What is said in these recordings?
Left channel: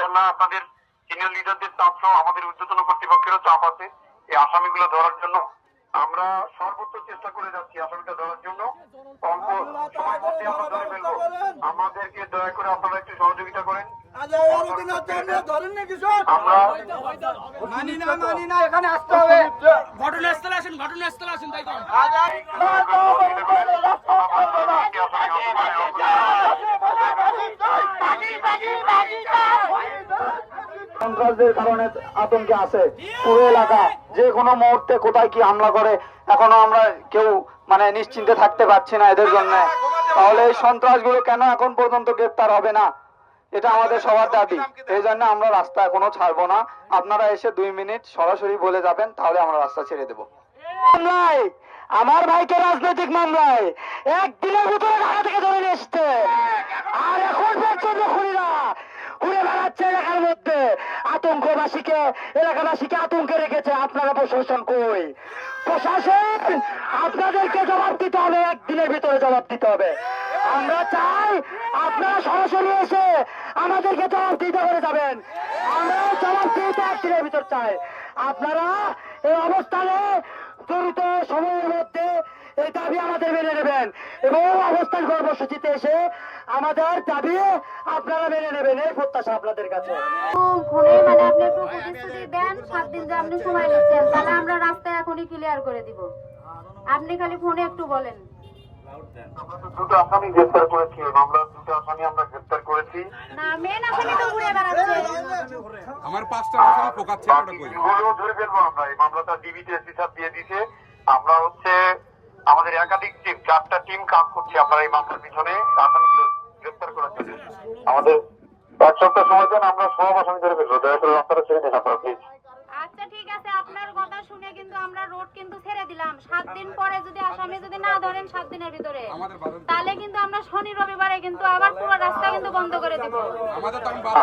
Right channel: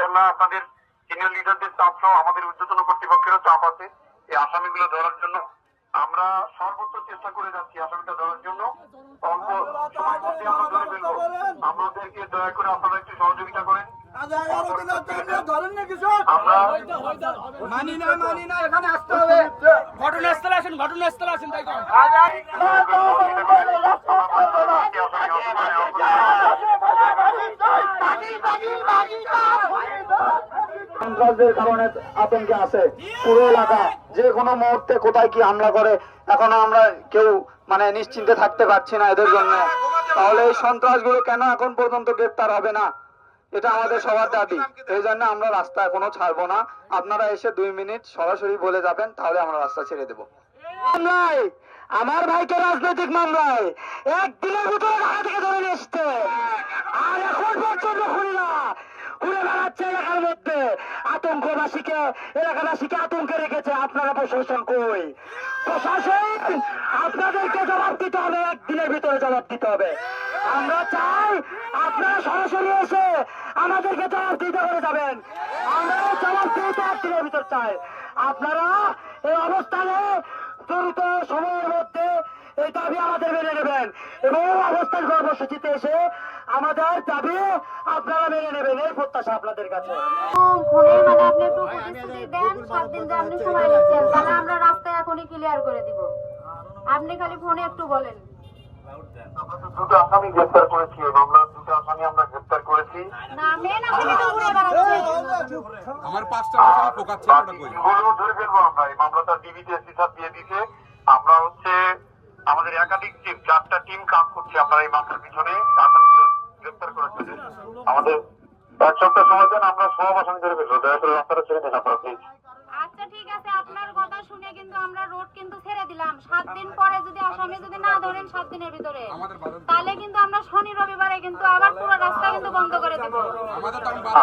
ইনশাল্লাহ আপনাদের সিনিয়র লিডারদের চাপ সহ আমাদের ঊর্ধ্বতন কর্তৃপক্ষেরও চাপ আছে এই আসামিগুলো ধরার জন্য আমরা সর্বোচ্চ চেষ্টা করে যাচ্ছি আসামিটা ধরার জন্য আমাদেরকে দয়া করে আপনারা একটু সহযোগিতা করেন মানি না মানি না এখানে আসতে হবে ঘটনাস্থলে আসেন ঘটনাস্থলে আসেন তাই সন্ত্রাসদের কারণে আতঙ্কে আছে পুরো এলাকা, যে কোনো মুহূর্তে কোথায় কি হামলা করে, এখনও আমরা কেউ মানে নিশ্চিন্তে থাকতে পারছি না এদের জন্য। তাহলে এই সন্ত্রাসগুলো কেন এখন পর্যন্ত গ্রেপ্তার হবে না? এটা আমাদের সবার দাবি। এই জন্য আমরা রাস্তা এখনও ছাড়বো না। আপনারা এসে দুই মিনিট সরাসরি বলে যাবেন, তাহলে আমরা রাস্তা ছেড়ে দেবো। আমার ভাইকে রাজনৈতিক মামলায়, একদিনের ভিতরে ঢাকা থেকে ধরে এসছে। আর এখন পর্যন্ত খুনিরা ঘুরে বেড়াচ্ছে এলাকার মধ্যে। আতঙ্কবাসীকে, এলাকাবাসীকে আতঙ্কে রেখেছে। আপনারা প্রশাসন কই? প্রশাসন, আপনাদেরকে জবাব দিতে হবে, একদিনের ভিতরে জবাব দিতে হবে। আমরা চাই আপনারা সরাসরি এসে আমাদেরকে জবাব দিতে করে যাবেন। আমরা জবাব দিতে একদিনের ভিতর চাই। আপনারা এই অবস্থানে দ্রুত সময়ের মধ্যে এই দাবি আমাদের মেনে নেবেন। এবং অবস্থান কর্মসূচিতে এসে আমাদের দাবি আপনারা মেনে নেবেন এই প্রত্যাশা আপনাদের কাছে। মানে আপনি একটু প্রতিশ্রুতি দেন সাত দিন যে আপনি সময় নিচ্ছেন তাহলে আমরা রাস্তায় এখনই ক্লিয়ার করে দিব। আপনি খালি ফোনে একটু বলেন। দুটো আসামি গ্রেপ্তার করেছি এই দুটো আসামি আমরা গ্রেপ্তার করেছি। না মেন আসামি তো উড়ে বেড়াচ্ছে। আমার পাঁচটা আসামি পোকাচ্ছে ওটা কই? ধরে ফেলব আমরা। এই মামলাটা ডিবিতে এসপি সাহেব দিয়ে দিছে আমরা হচ্ছে আমাদের একাধিক টিম চারটা টিম কাজ করছি আমরা এই মামলার পিছনে। গ্রেপ্তার করার জন্য আমাদের এক সপ্তাহ সময় দেন আমরা সব আসামি ধরে ফেলব দয়া করে রাস্তাটা ছেড়ে দেন আপনারা প্লিজ আচ্ছা ঠিক আছে। আপনার কথা শুনে কিন্তু আমরা রোড কিন্তু ছেড়ে দিলাম। সাত দিন পরে যদি আসামি যদি না ধরেন সাত দিনের ভিতরে তাহলে কিন্তু আমরা শনি রবিবারে কিন্তু আবার পুরো রাস্তা কিন্তু বন্ধ করে দেব।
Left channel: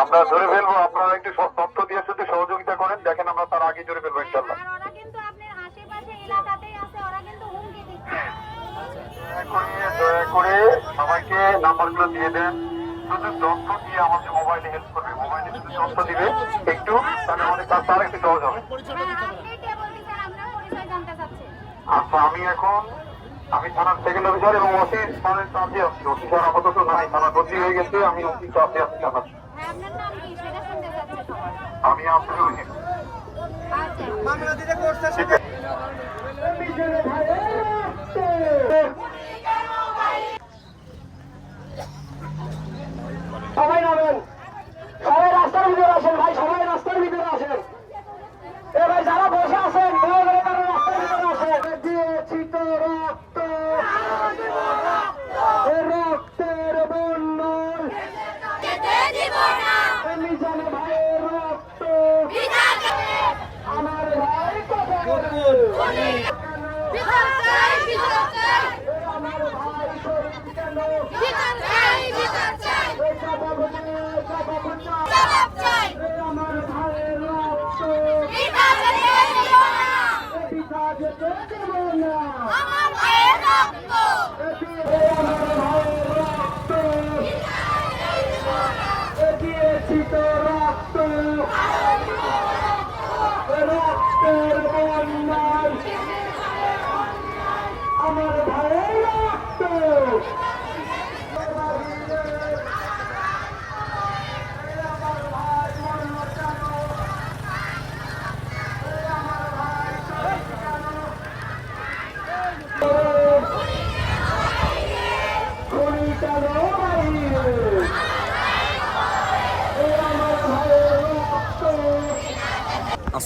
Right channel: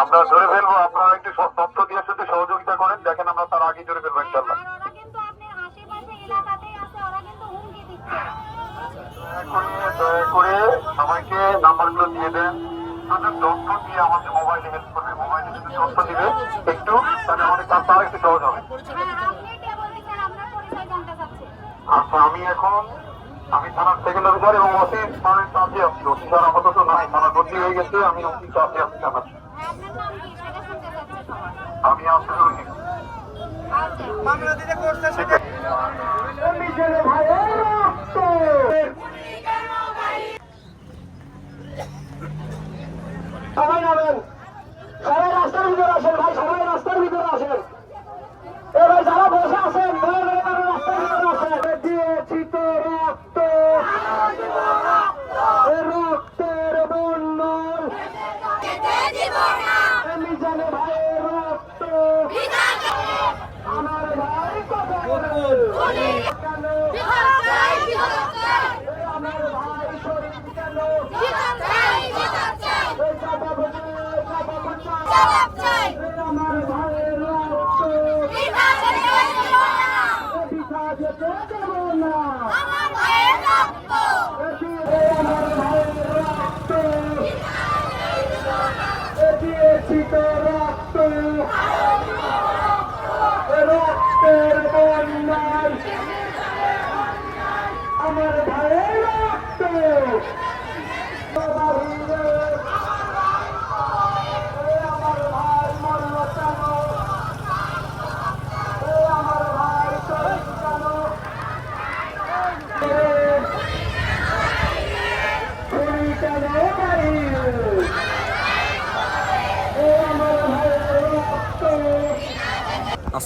আমরা ধরে ফেলব আপনারা একটু সব তথ্য দিয়ে শুধু সহযোগিতা করেন দেখেন আমরা তার আগে ধরে ফেলব ইনশাল্লাহ আর ওরা কিন্তু আপনার আশেপাশে এলাকাতেই আছে ওরা কিন্তু হুমকি দিচ্ছে এখন দয়া করে আমাকে নাম্বারগুলো দিয়ে দেন। শুধু তথ্য দিয়ে আমাদের মোবাইলে হেল্প করবে মোবাইলে যদি তথ্য দিবে। একটু তাহলে আমাদের কাজ তাও একটু সহজ হবে। আচ্ছা আমি এখন আমি থানার সেকেন্ড অফিসার এবং অফিস মানে চার্জে আছি। অফিসার আপাতত নাই থানা বদলি হয়ে গেছে আমি অফিস চার্জে আছি কি সেটা আমি আব্দুল রহিম আচ্ছা মামলা দিতে করছে সেটা সবাই নামেন সবাই রাস্তার ভিতরে আসেন ভাই সবাই রাস্তার ভিতরে আসেন এ ভাই যারা বসে আছেন দয়া করে তারা রাস্তার ভিতরে আসেন দিয়েছি তো রক্ত এ রক্তের বন্যর আমি জানি ভাইয়ের রক্ত আমার ভাই কথা বলুন। আমার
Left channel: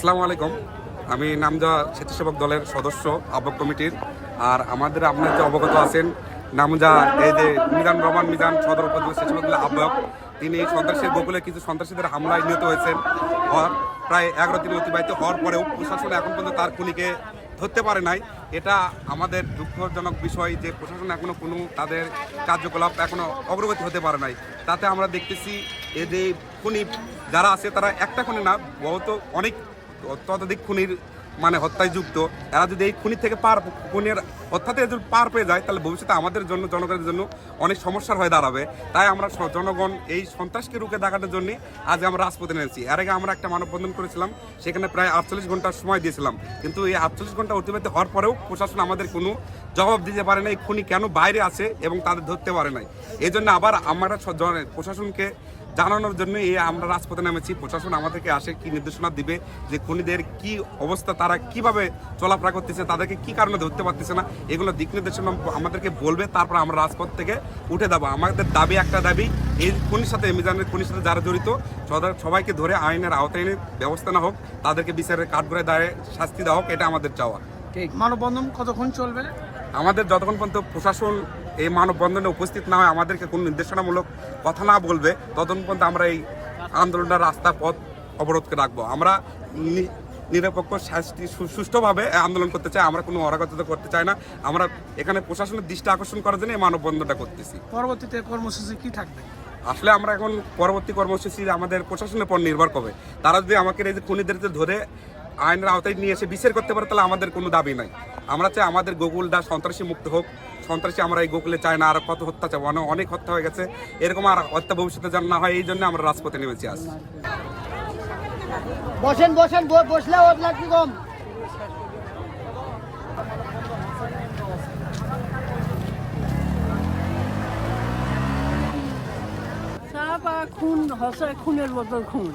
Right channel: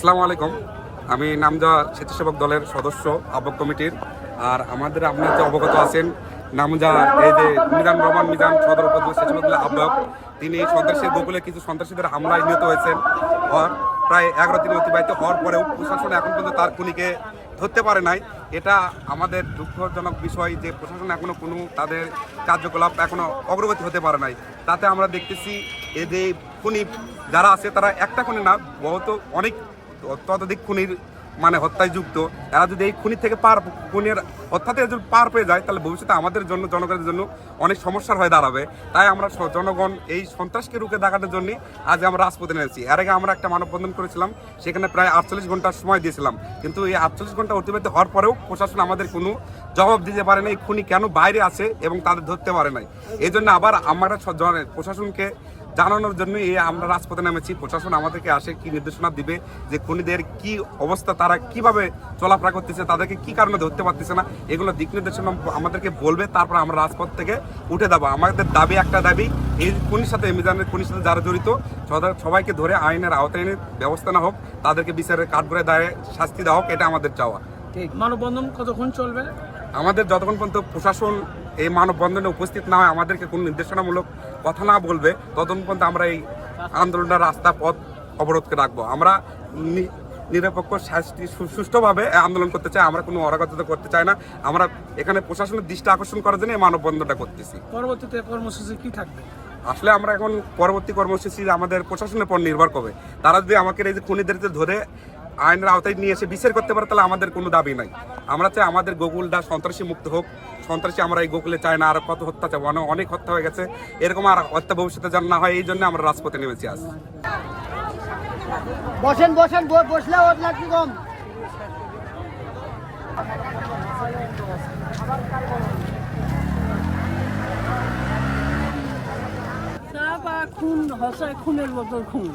আসসালামু আলাইকুম। আমি নামদা স্বেচ্ছাসেবক দলের সদস্য আহ্বক কমিটির। আর আমাদের আপনার যে অবগত আছেন নামজা এই যে মিজান রহমান মিজান সদর উপজেলা স্বেচ্ছাসেবক দলের আহ্বায়ক, তিনি সন্ত্রাসের গোকুলে কিছু সন্ত্রাসীদের হামলায় নিহত হয়েছেন। হওয়ার প্রায় এগারো দিন অতিবাহিত হওয়ার পরেও প্রশাসন এখন পর্যন্ত তার খুনিকে ধরতে পারে নাই। এটা আমাদের দুঃখজনক বিষয় যে প্রশাসন এখনও কোনো তাদের কার্যকলাপ এখনও অগ্রগতি হতে পারে নাই। তাতে আমরা দেখতেছি এদের খুনি যারা আছে তারা একটা খুনি না বহুত অনেক ততোধিক খুনির মানে হত্যায় যুক্ত এরা যদি এই খুনির থেকে পার খুনের থেকে যদি পার পেয়ে যায়, তাহলে ভবিষ্যতে আমাদের জন্য, জনগণের জন্য অনেক সমস্যার হয়ে দাঁড়াবে। তাই আমরা জনগণ এই সন্ত্রাসকে রুখে দেখানোর জন্য আজ আমরা রাজপথে নেমেছি। এর আগে আমরা একটা মানববন্ধন করেছিলাম, সেখানে প্রায় আটচল্লিশ ঘণ্টার সময় দিয়েছিলাম। কিন্তু এই আটচল্লিশ ঘণ্টা অতিবাহিত হওয়ার পরেও প্রশাসন আমাদের কোনো জবাব দিতে পারে নাই, খুনি কেন বাইরে আছে এবং তাদের ধরতে পারে নাই। এই জন্য আবার আমরা প্রশাসনকে জানানোর জন্য এই আমরা রাজপথে নেমেছি। প্রশাসন আমাদেরকে আসে কি নির্দেশনা দিবে যে খুনিদের কি অবস্থা তারা কীভাবে চলাফেরা করতেছে তাদেরকে কি কারণে ধরতে পারতেছে না এগুলো দিক নির্দেশনা আমাদেরকে বলবে তারপর আমরা রাজপথ থেকে উঠে যাব। আমাদের দাবি একটা দাবি এই খুনির সাথে মিজানের খুনির সাথে যারা জড়িত সদা- সবাইকে ধরে আইনের আওতায় এনে ব্যবস্থা না হোক তাদেরকে বিচারের কাঠগড়ায় দাঁড়িয়ে শাস্তি দেওয়া হোক এটা আমাদের চাওয়া। মানববন্ধন কতক্ষণ চলবে? আমাদের যতক্ষণ পর্যন্ত প্রশাসন এই মানববন্ধনে উপস্থিত না হয় আমাদেরকে কোনো নির্দেশনামূলক কথা না বলবে ততক্ষণ পর্যন্ত আমরা এই আন্দোলনের রাস্তা পথ অবরোধকে রাখব। আমরা নিরপেক্ষ শাস্তি সুষ্ঠুভাবে আন্দোলন করতে চাই। আমরা কোনো অরাগতা করতে চাই না। আমরা এখানে প্রশাসনের দৃষ্টি আকর্ষণ করার জন্য এই মানববন্ধনটা করতেছি। পরবর্তীতে কর্মসূচি কি থাকবে? আসলে আমরা এখন পরবর্তী কর্মসূচি আমাদের প্রশাসনের উপর নির্ভর করবে। তারা যদি আমাকে এই যে খুনিদেরকে ধরে আইনের আওতায় নিয়ে এসে বিচার করতে পারে তাহলে আমাদের কোনো দাবি নাই। আমরা চাই আমাদের গোকুলটা সন্ত্রাসী মুক্ত হোক। সন্ত্রাসী আমরা এই গোকুলে চাই না আর কত হত্যা চাই অনেক অনেক হত্যা হয়ে গেছে। এরকম আর হত্যা ভবিষ্যতে যেন না হয় এই জন্য আমরা রাজপথে নেমেছি আজ। বসেন বসেন বসলে ওর লাগবে কম চা বা খুন হচ্ছে খুনের মতো খুন।